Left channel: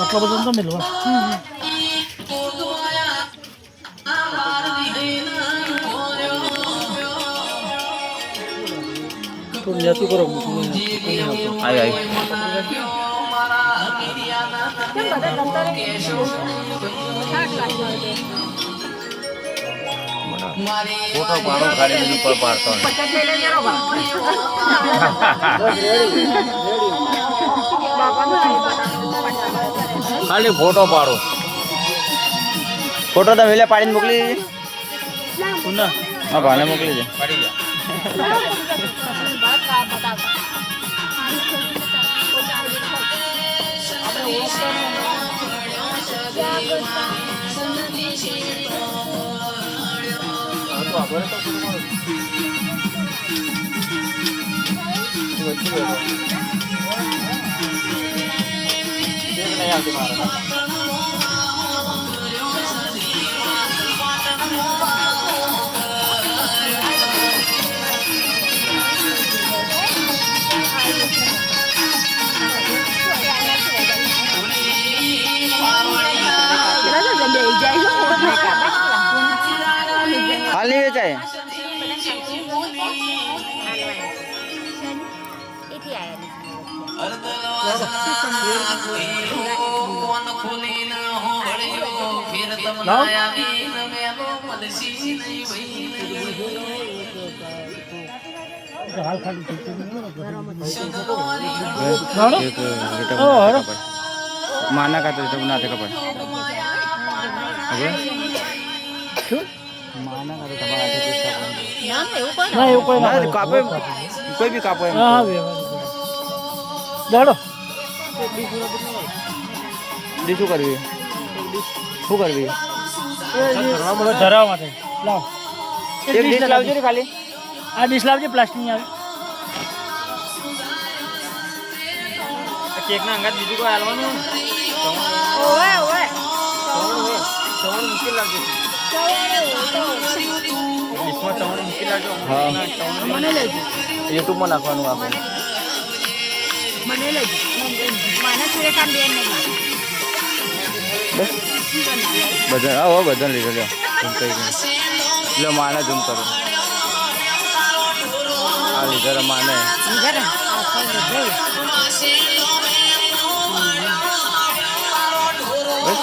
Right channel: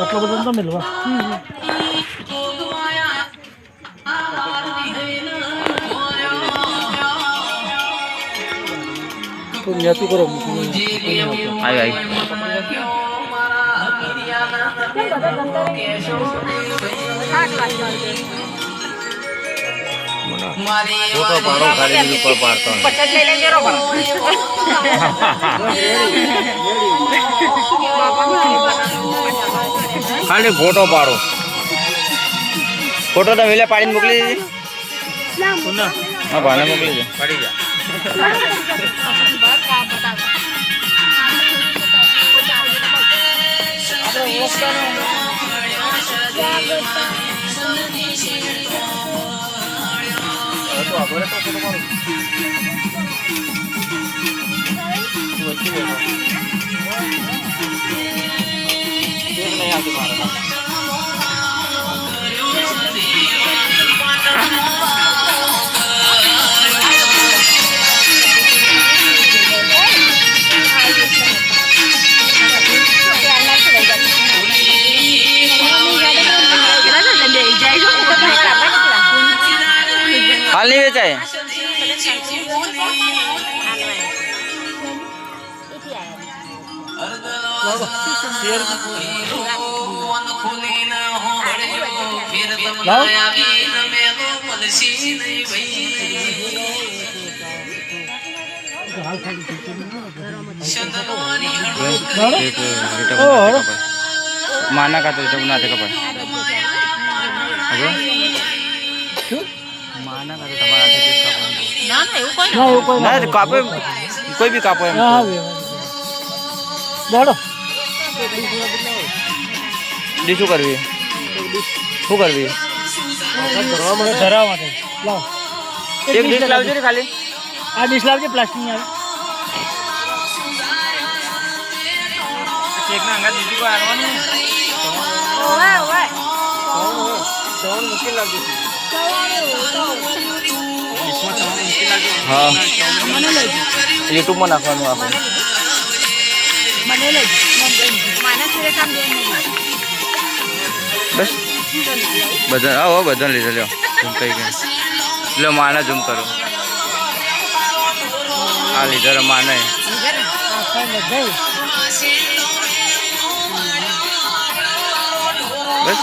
આટલો બધો તો મેલવા તો નેતું કરો આય આય ફોટો પાડો ખાલી ઉપર પાડતો ખાલી ફોટો પાડો ફોટો તો વેલે પાડીને મોકલી દીધી હા ભાને મોકલી દે પાડી જા हाल नहीं बेचा है माना का तो बना थे कपाय माना का तो તમારા હાથે જ કાપવાનું ના ના એવું કોઈ ના કાપે કોઈ બી કાપો એમ હા દાડો ડી શું કરવી મને ધરાવ માટે લાવ એક ડીશ લાવજો ને ખાલી આ ડીશ લાવજો પ્લાસ્ટિક ની કેક ના અંગા બીજું કોઈ આલવાનું ઓય ઓય સવાલ મુશ્કેલ લાગે हाँ यूट्यूब में नाखવાનું આપણે બસ બધા આવો બધા લીધો લ્યો ઝૂમ કઈ ગઈ લ્યો માને ઝૂમ કરો આ લીધો માને બસ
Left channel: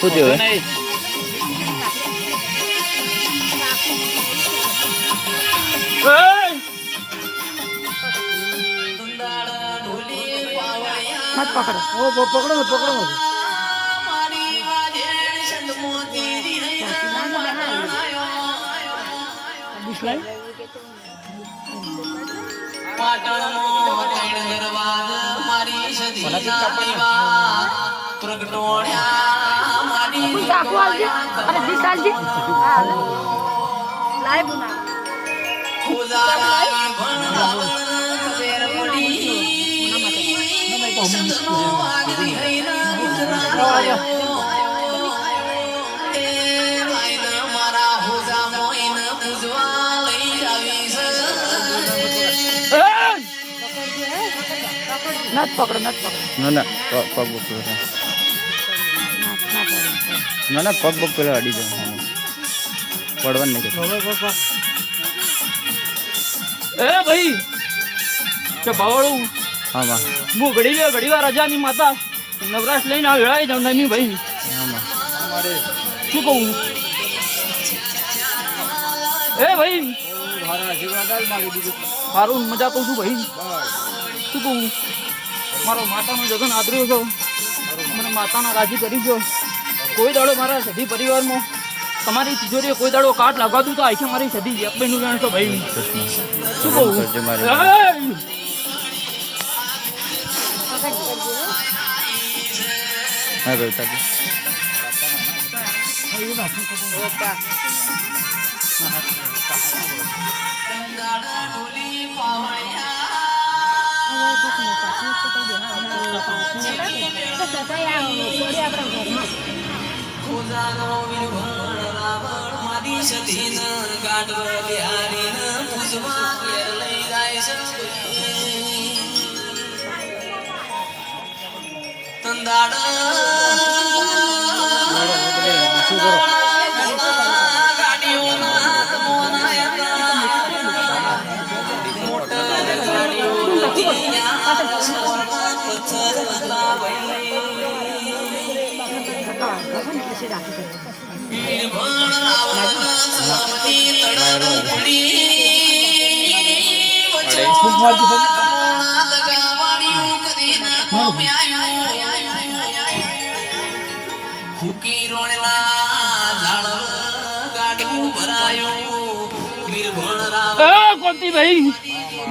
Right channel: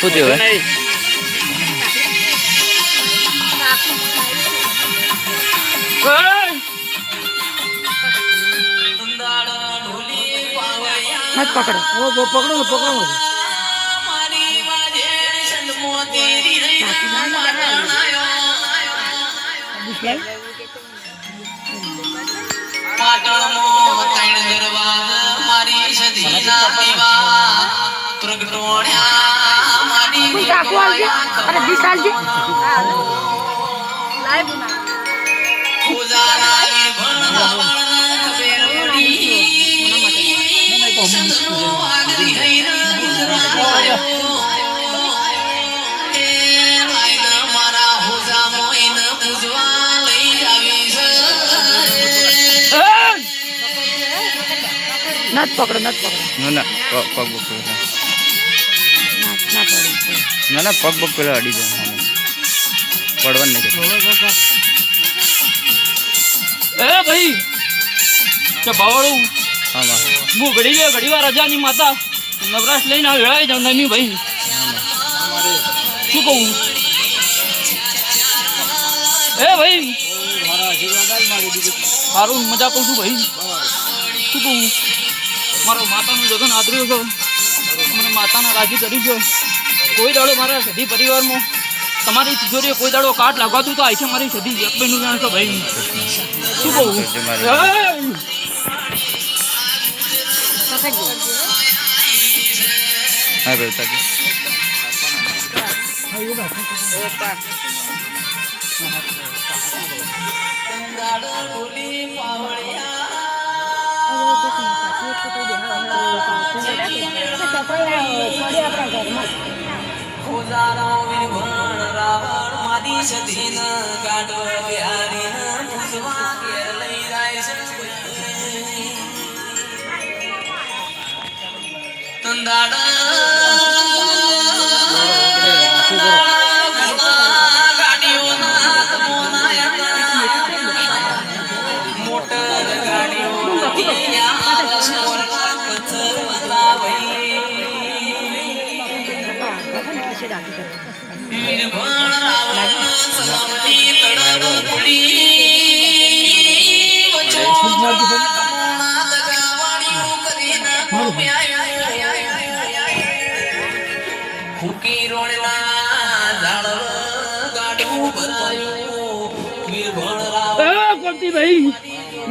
શું થયું મત પકડો પકડો नत पकड़ो ना पग बुक ना पग बुक पे अड़ी जाए पड़वन नहीं ए भाई तो बावड़ू हाँ मां मु घड़ी वार राजा नी माता नवराश लईने वेळाई जाऊ नमी भाई हाँ मां શું કહું ए भाई મારા આશીર્વાદ આલ મારી દીદી સારું મજા કહું છું ભાઈ શું કહું મારો માતાનો જગન આદર્યો છો મને માતાના રાજી કરી છો કોઈ દાડો મારા સધી પરિવારમાં તમારી તિજોરીએ કોઈ દાડો કાટ લાગવાતું તો આખે મારી સધી એકબીનું જાણશો ભાઈ શું કહું હા બેટા કોણથી ભાઈ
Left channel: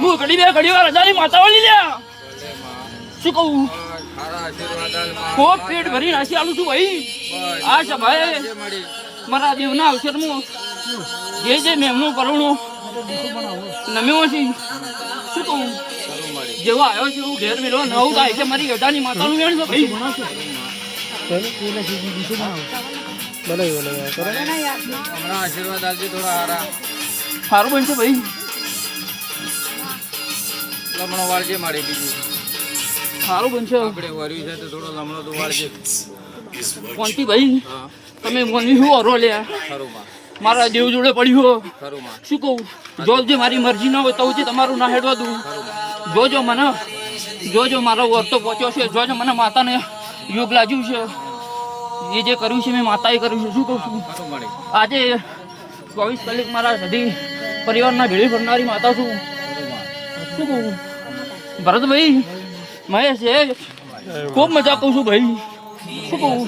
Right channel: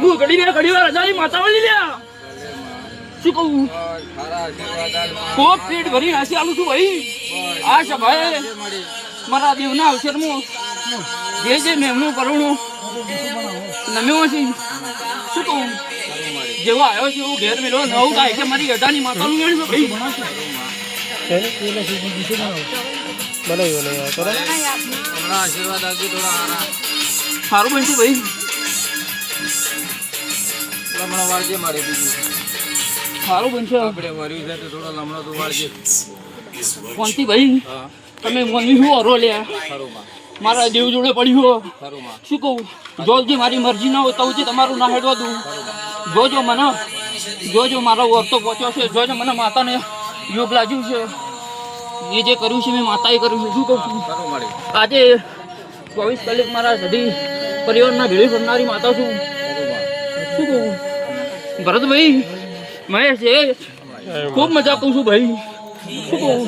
હું ઘડી વાર હજારી માતા વાળી લ્યા શું કહું ખૂબ પેટ ભરી નાસી આલું છું ભાઈ આ છે ભાઈ મારા દેવના અવસરમાં જે મેમનું કરુણું નમ્યો છે શું કહું જેવો આવ્યો છે એવું ઘેર મેળવો નવું થાય કે મારી ગધાની માતાનું વેણ છે ભાઈ આશીર્વાદ આપજો થોડા હારા સારું બનશે ભાઈ લમણો વાળજે મારી બીજું સારું બનશે આપણે વર્યું છે તો થોડો લમણો તો વાળજે કોણથી ભાઈ તમે મની શું હરો લ્યા ખરું માં મારા દેવ જોડે પડ્યું ખરું માં શું કહું જોજે મારી મરજી ના હોય તો જ તમારું ના હેડવા દઉં જોજો મને જોજો મારો વર્તો પહોંચ્યો છે જોજો મને માતાને યોગ લાગ્યું છે એ જે કર્યું છે મેં માતાએ કર્યું છે શું કહું છું ખરું મળી આજે 24 કલાક મારા સધી પરિવારના ભેળી કરનારી માતા છું શું કહું ભરતભાઈ મહેશ છે ખૂબ મજા કહું છું ભાઈ શું કહું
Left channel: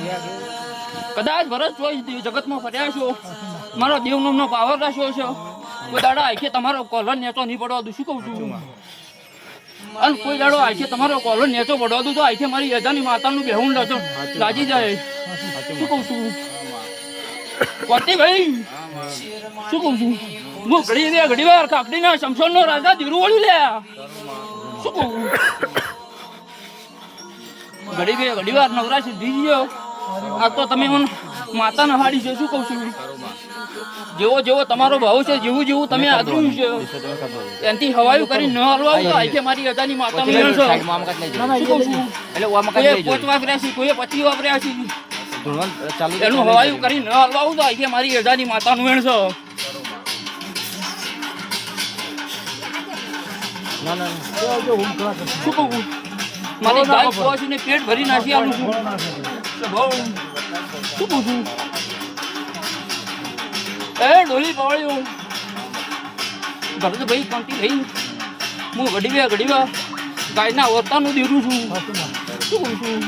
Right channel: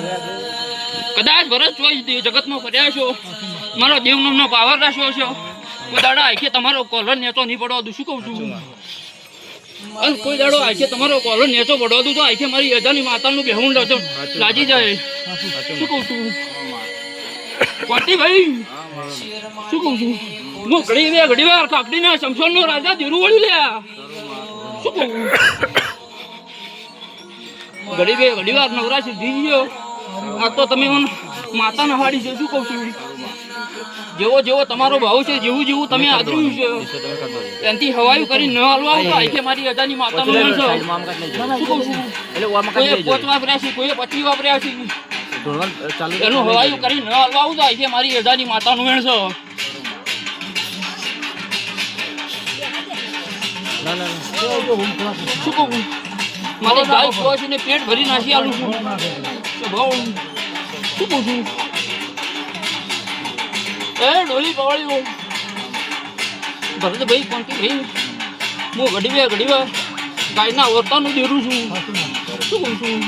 કદાચ ભરત ચોઈસ જગતમાં ફર્યા છો મારો દેવનો પાવર રાખ્યો છે કોઈ દાડો આખે તમારો કોલર નેચો નહીં પડવા દઉં શું કહું છું અને કોઈ દાડો આખે તમારો કોલર નેચો પડવા દઉં તો આખે મારી યજાની માતાનું બેહું લાજી જાય શું કહું છું કોટી ભાઈ શું કહું છું હું ઘડી વાર કાકડીના શમશોનનો રાજા ધીરું વળ્યું લ્યા શું કહું ઘડી વાર નવરા સીધી ગયો આ તો તમે માતા નહાડી છે શું કહું છું જેવો તમારો ભાવ છે જેવું તમે આદર્યું છે એનાથી હવાયું કરીને ન હાલવા આવું તો આખે મારી અદાની માતાનું વેણ છે શું કહું છું કોઈએ 5 વાપર્યા છે કોઈએ 25 વાપર્યા છે એનું હવાયું કરીને ન હાલવા આવું તો આખે મારી અદાની માતાનું વેણ છે શું કહું મારી ગાય પોચીને પેટ ભરી નાખી આલું છું શું કહું છું એ ડોલી પવાળ્યું ભરતભાઈ કોણથી ભાઈ હું ઘડી વાર ગાયના વર્તાનું દેરું છું શું કહું છું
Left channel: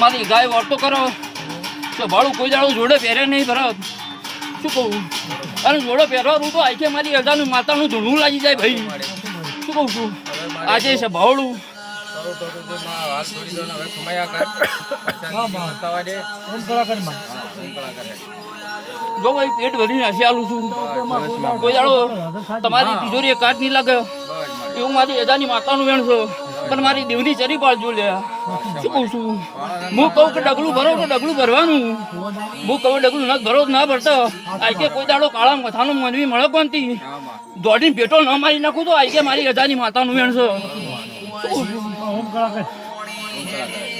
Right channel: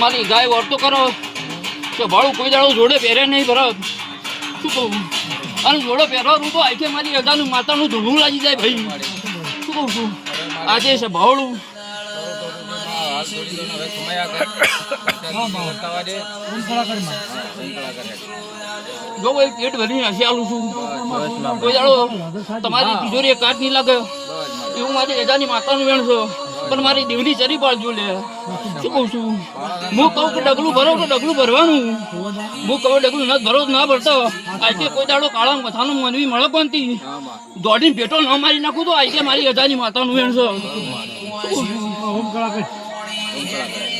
મારી ગાય વર્તો કરો તો ભાડું કોઈ દાડું જોડે પહેરે નહીં ભરત શું કહું અને જોડે પહેરવા રૂ તો આખે મારી અજાનું માતાનું ધૂળું લાગી જાય ભાઈ શું કહું છું આજે છે ભાવડું જો ભાઈ પેટ ભરી નાસી આલું છું કોઈ દાડો તમારી તિજોરી કાટ નહીં લાગે એવું મારી એજાની માતાનું વેણ છે પણ મારી દેવની ચરી પાડજો લે શું કહું છું હું કહું કે ડગલું ભરો કે ડગલું ભરવાનું હું કહું ડગલું ન ભરો ના ભરતો આજે કોઈ દાડો કાળા મથાનું મનવી મળે કોનથી દોડીને પેટો ન મારી નાખું તો આજે મારી એજાની માતાનું વેણ છે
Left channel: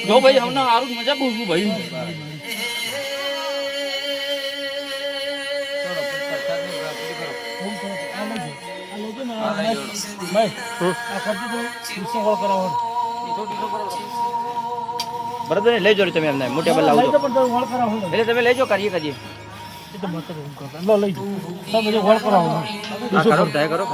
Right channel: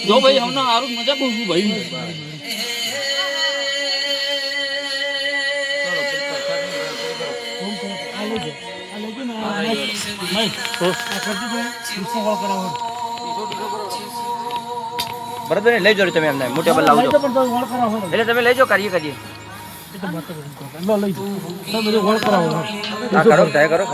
જો ભાઈ અમને સારું મજા કહું છું ભાઈ બરાબર લઈ જાઓ તમે એમને મોટે બલ લાવજો એટલે તમે લઈ જાઓ કરીએ કરો.